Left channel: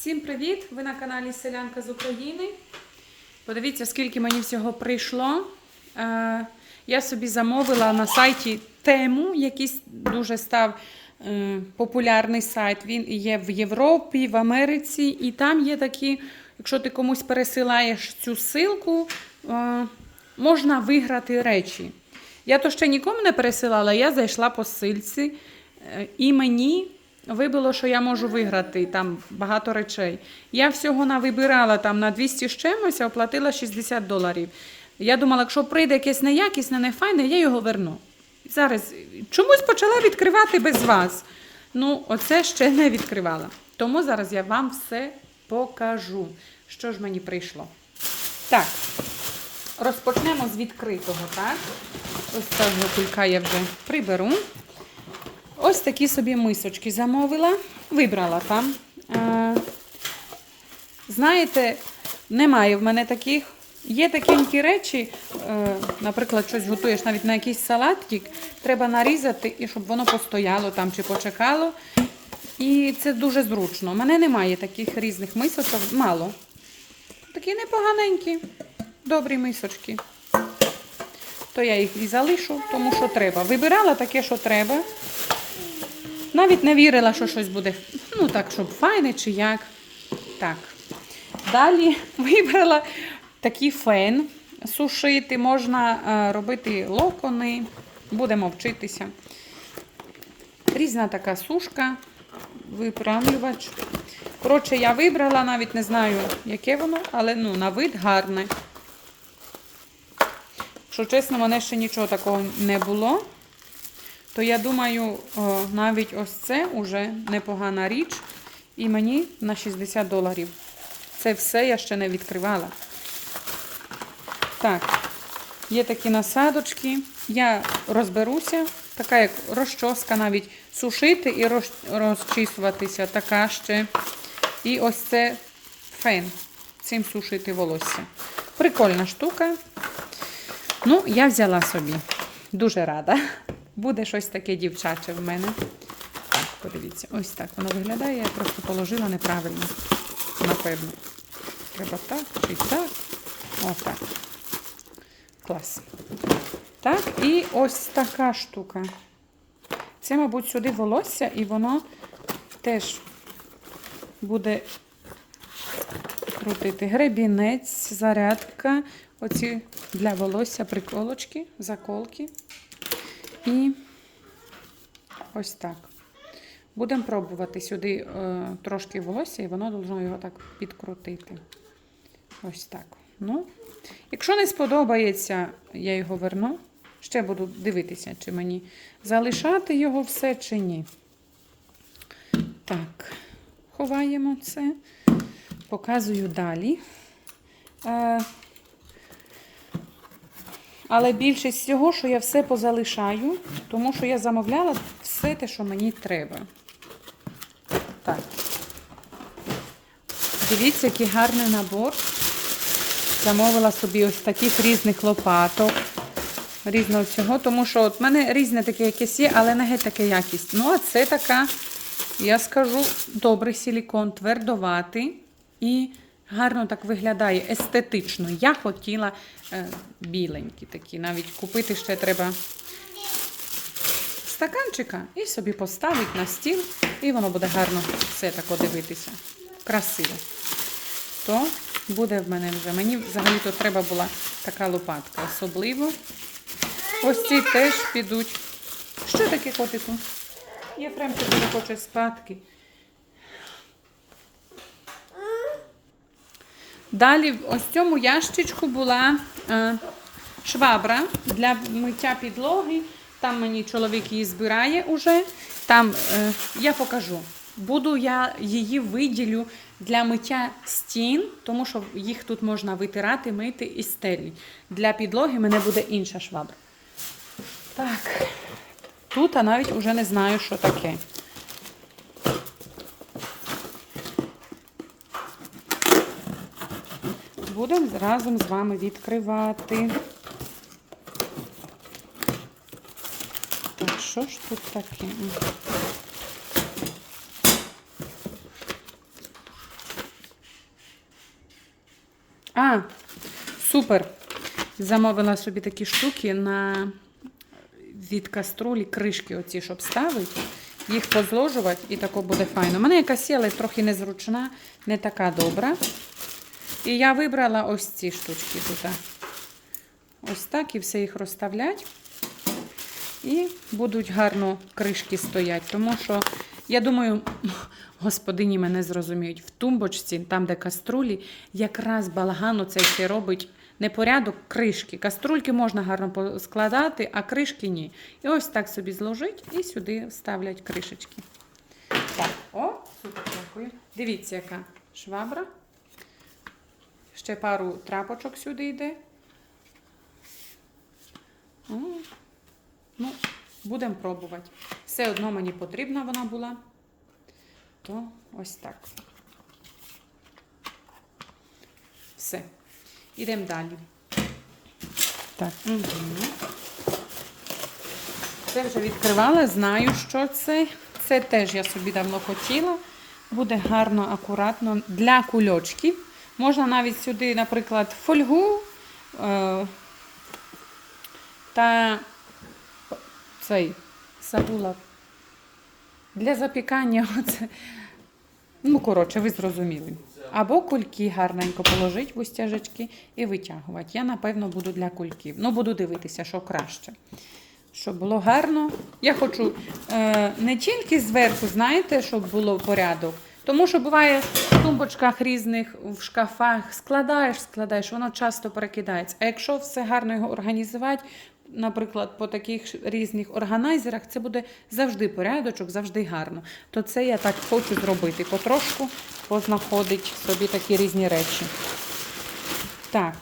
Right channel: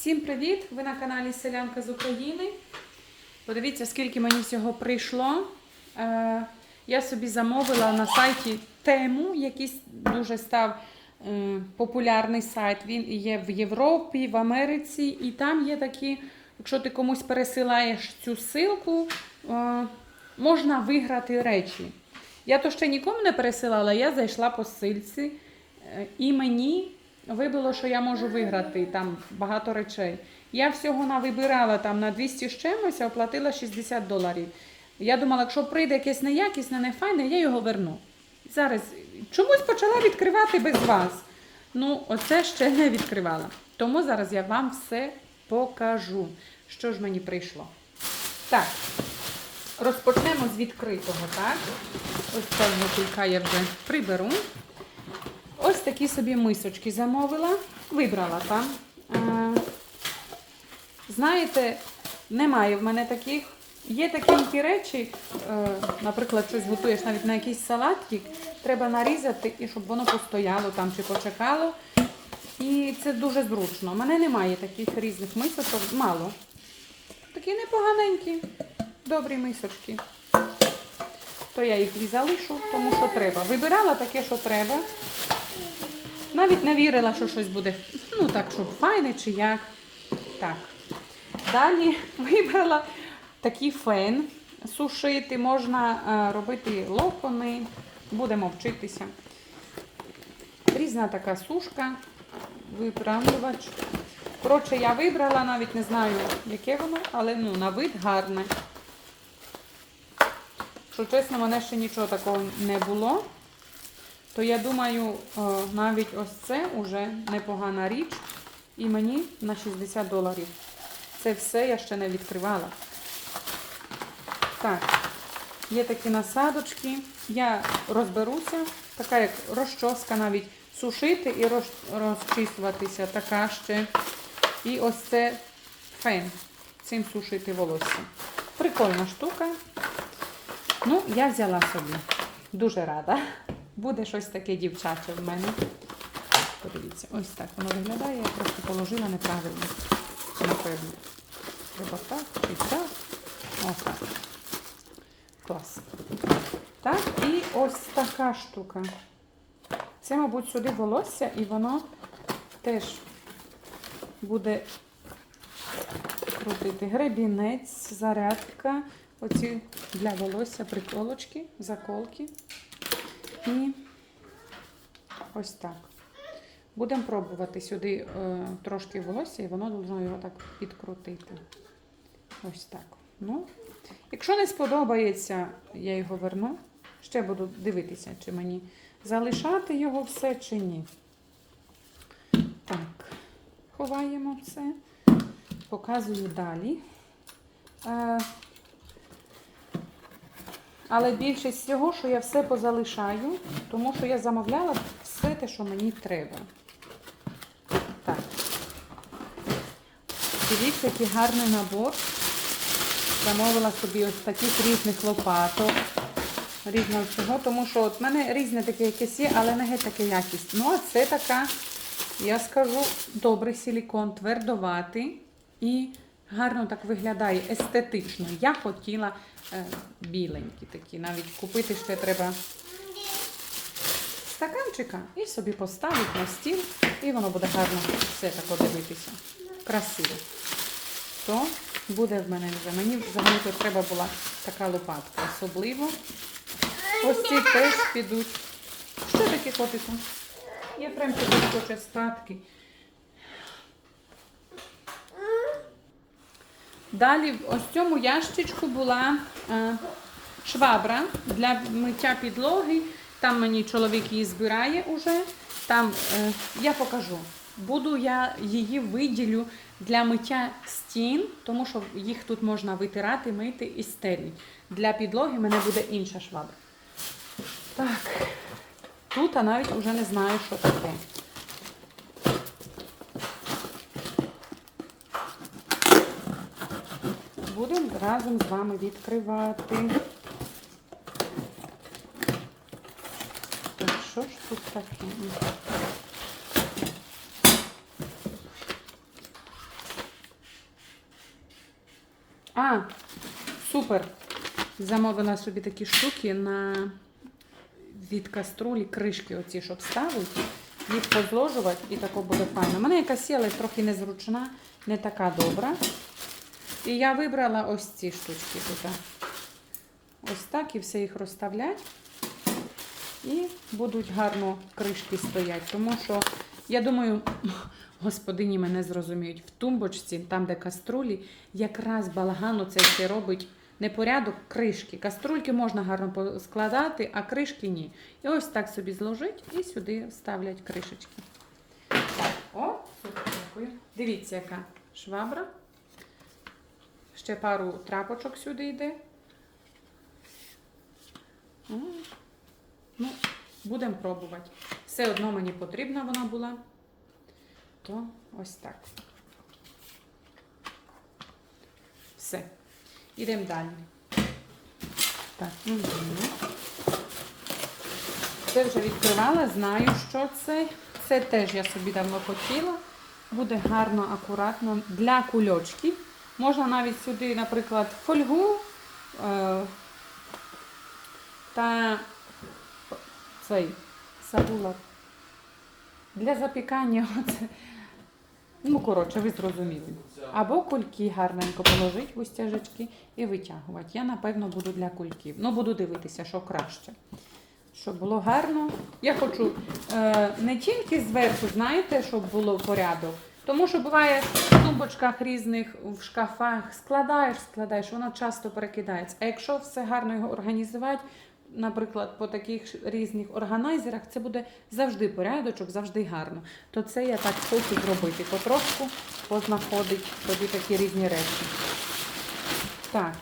Всім привіт! Ви на каналі Селянка з України. Подивіться, скільки мені всього прийшло. Е, я собі замовила на сайті тему, який дуже став е, популярний сайт. Він є в Європі, в Америці, і там є такі, якщо ти комусь пересилаєш цю ссылку, е, можна виграти речі. Я то ще нікому не пересилала, я зайшла по ссылці, е, і мені вибило, що я можу виграти там багато речей. Я всього навибирала там на 200 з чимось, а оплатила 60 доларів. Я думала, якщо прийде якесь неякісне, нефайне, я його верну. Зараз чомусь почала відкривати без вас. Ну, оце ще не відкривала. Тому зараз я вам все покажу, що ж мені прийшло. Так, розпочнемо з відкритого, так? Ось цього кулька я вже приберу. Ось такі собі мисочки замовила, вибрала там. Е, знаєте, немає в мене таких. Є такі речі, е, наприклад, щось готуєш навіть на якийсь салатик, треба нарізати, і щоб воно постояло там чи почекало. І це дуже зручно. У мене немає таких різних мисочок, мало. Такі непоганенькі, добрі мисочки. То я їх і залишу, тому що треба. Вибирала таке, що треба. Навіть не вірила, що щось буде, ну так, щоб файне чи як. Так. Далі вибрала такий фен сушити, можна е, робити локони, будемо вчитися. Різна така сушка, виправлювач. Коротше, я вибрала, навіть не знаю, яке воно, але ну, на вид гарне. Якщо чесно, мене ще нічого такого не було. То я думаю, навіть ось це вже непогана річ. І мені на 60 доларів. Це все я ще не відкривала. Так, є такі насадочки. Я розберуся. Така як розчоска навіть сушити і роз, розчісуватися. Така ще. І ось це фен. Цим сушити волосся. Прикольна штука. Ну, я взяла собі. Дуже рада. Буде щось таке дівчаче в мене. Подивіться, ось так воно виглядає. Я просто положила неправильно. Напевно. Треба так чи так. Ось так. Клас. Так, і ось така штука. Це, мабуть, сюди волосся, і воно теж буде крутити. Гребінець, зарядка. Оці для волосся приколочки, заколки. І ось так. Будемо пробувати сюди е, трошки волосся, і воно должно його так підкрутити. Ось так. Ну, Якщо не сподобається, я його верну. Ще буду дивитися, чи мені залишати його все, чи ні. Так, ховаємо це, показую далі. Е, але більшість всього, що я все позалишаю, тому що я замовляла все те, що мені треба. Так. Дивіться, який гарний набор. Замовила собі ось таких різних лопаток, різного всього, тому що от в мене різне таке якесь є, але не геть таке якість. Ну, а це така, я скажу, добрий силікон, твердоватий і гарно так виглядає, естетично. Я хотіла е, біленькі такі. Навіть купити ще треба стаканчика і собі поставити на стіл, і воно буде гарно все так дивитися. Красиво. То буде в мене вже. Мені взагалі тут треба була така лопатка. Особливо. Ось ці теж підуть. Що таке котику? Єфремчик хоче спадки. Далі ось в цьому ящичку була е, швабра для миття підлоги. Там мені чоловік її збирає уже. Там е, я покажу. Буду я її виділю для миття стін, тому що їх тут можна витирати, мити і стелі. Для підлоги мене буде інша швабра. Так, тут я навіть вже не знаю, що таке. Будемо разом з вами відкривати. Так, що ж тут таке? А, супер! Замовила собі такі штуки на від каструлі кришки, оці, щоб ставити, їх позложувати і тако буде файно. У мене якась але трохи незручна, не така добра. І я вибрала ось ці штучки тут. Ось так і все їх розставлять. І будуть гарно кришки стоять. Тому що, я думаю, господині мене зрозуміють, в тумбочці, там, де каструлі, якраз балагану цей ще робить непорядок кришки. Каструльки можна гарно складати, а кришки ні. І ось так собі зложить і сюди ставлять кришечки. Так, о, супер, дякую. Дивіться, яка швабра. Ще пару трапочок сюди йде. Ну, будемо пробувати. Все одно мені потрібна вона була. То ось так. Все. Ідемо далі. Так. Угу. Це вже відкривала, знаю, що це. Це теж я собі давно хотіла. Буде гарно, акуратно для кульочків. Можна навіть сюди, наприклад, фольгу е, та цей забула для запікання. Оце. Ну, коротше, ви зрозуміли. Або кульки гарненько положити в устяжечки і витягувати. Я, напевно, буду для кульків. Ну, буду дивитися, що краще. Щоб було гарно. Я хочу е, не тільки зверху, знаєте, щоб було порядок. Тому що буває в тумбочках різних, в шкафах складаєш, складаєш, воно часто перекидається. А якщо все гарно його організувати, наприклад, по таких різних органайзерах, це буде завжди порядочок, завжди гарно. То це я так хочу зробити. Потрошку познаходить собі такі різні речі. Так.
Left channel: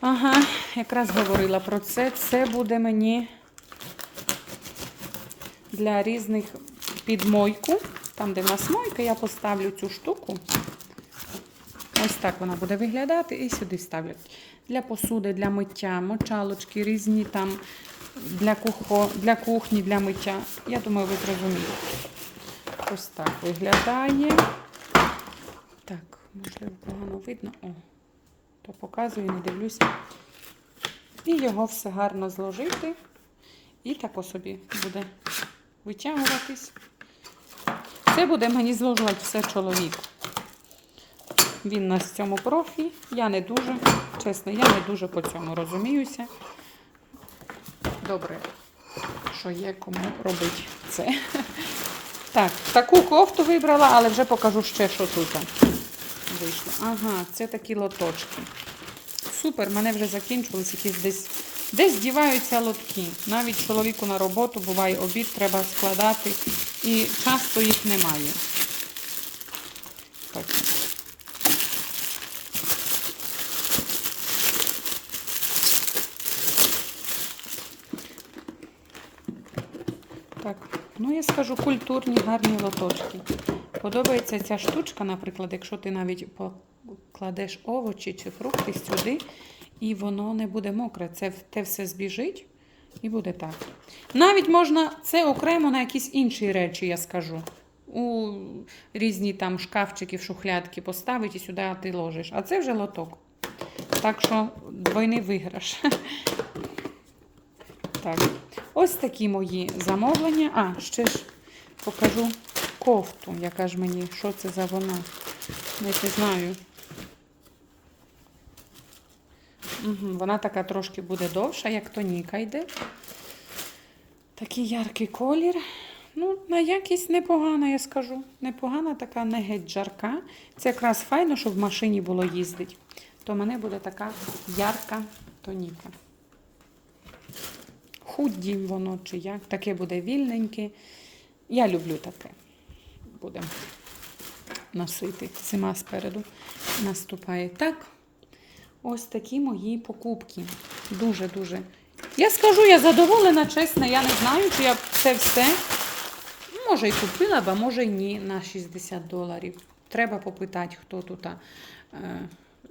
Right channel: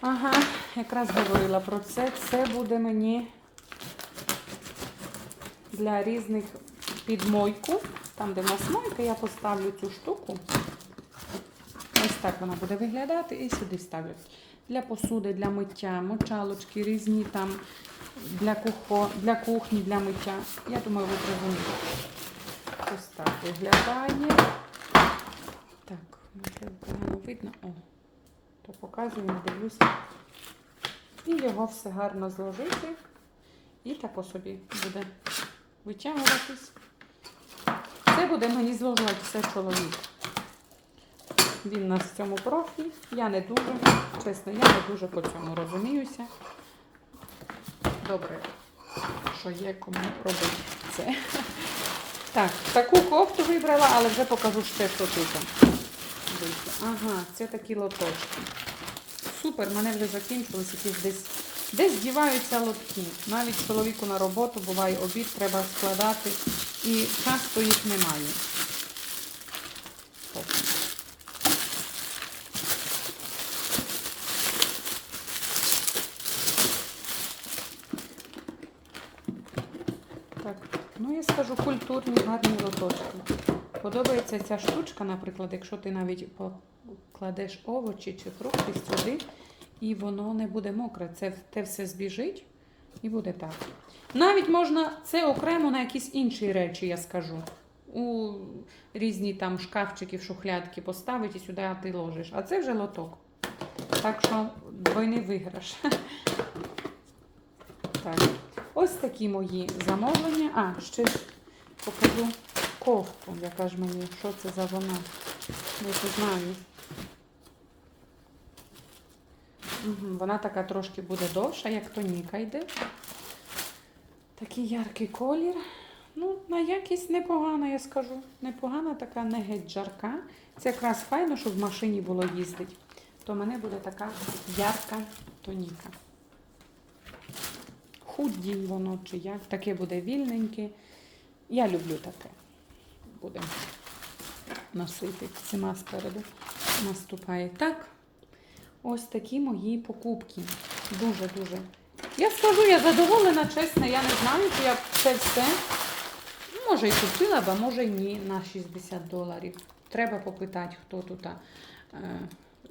Ага, якраз говорила про це. Це буде мені для різних підмойку. Там, де в нас мойка, я поставлю цю штуку. Ось так вона буде виглядати і сюди ставлю. Для посуди, для миття, мочалочки різні там для, кухо, для кухні, для миття. Я думаю, ви зрозумієте. Ось так виглядає. Так, можливо, погано видно. О, то показую, не дивлюся. І його все гарно зложити. І тако собі буде витягуватись. Це буде мені зложувати все чоловік. Він нас цьому профі. Я не дуже, чесно, я не дуже по цьому розуміюся. Добре, що є кому робити це. Так, таку кофту вибрала, але вже покажу ще, що тут. Вийшло. Ага, це такі лоточки. Супер, мене вже закінчились якісь десь. Десь діваються лотки. Навіть чоловіку на роботу буває обід, треба складати. І часто їх немає. Так. Так, ну я скажу культурні, гарні лоточки. Подобається ця штучка, наприклад, якщо ти навіть покладеш овочі чи фрукти сюди, і воно не буде мокре. Це те все збіжить і буде так. Навіть можна це окремо на якісь інші речі, я скажу. У різні там шкафчики, шухлядки поставити і сюди ти ложиш. А це вже лоток. Так що двойний виграш. Так. Ось такі мої замовлення. А, ще ж покажу кофту, яка ж мені, що це за вона. Не знаю. Вона така трошки буде довша, як тоніка йде. Такий яркий колір. Ну, на якість непогана, я скажу. Непогана, така не геть жарка. Це якраз файно, щоб в машині було їздити. То в мене буде така ярка тоніка. Худді воно чи як. Таке буде вільненьке. Я люблю таке. Будемо носити. Зима спереду наступає. Так. Ось такі мої покупки. Дуже-дуже. Я скажу, я задоволена, чесно, я не знаю, чи я це все. Може і купила а може ні, на 60 доларів. Треба попитати, хто тут е,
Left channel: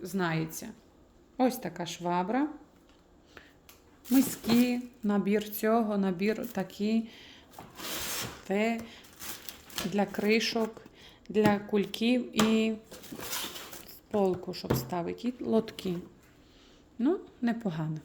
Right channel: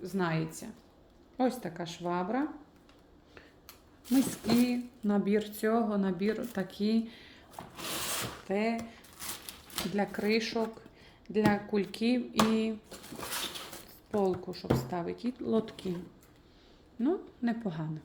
знається. Ось така швабра. Миски, набір цього, набір такий. Те для кришок, для кульків і полку, щоб ставити, і лотки. Ну, непогано.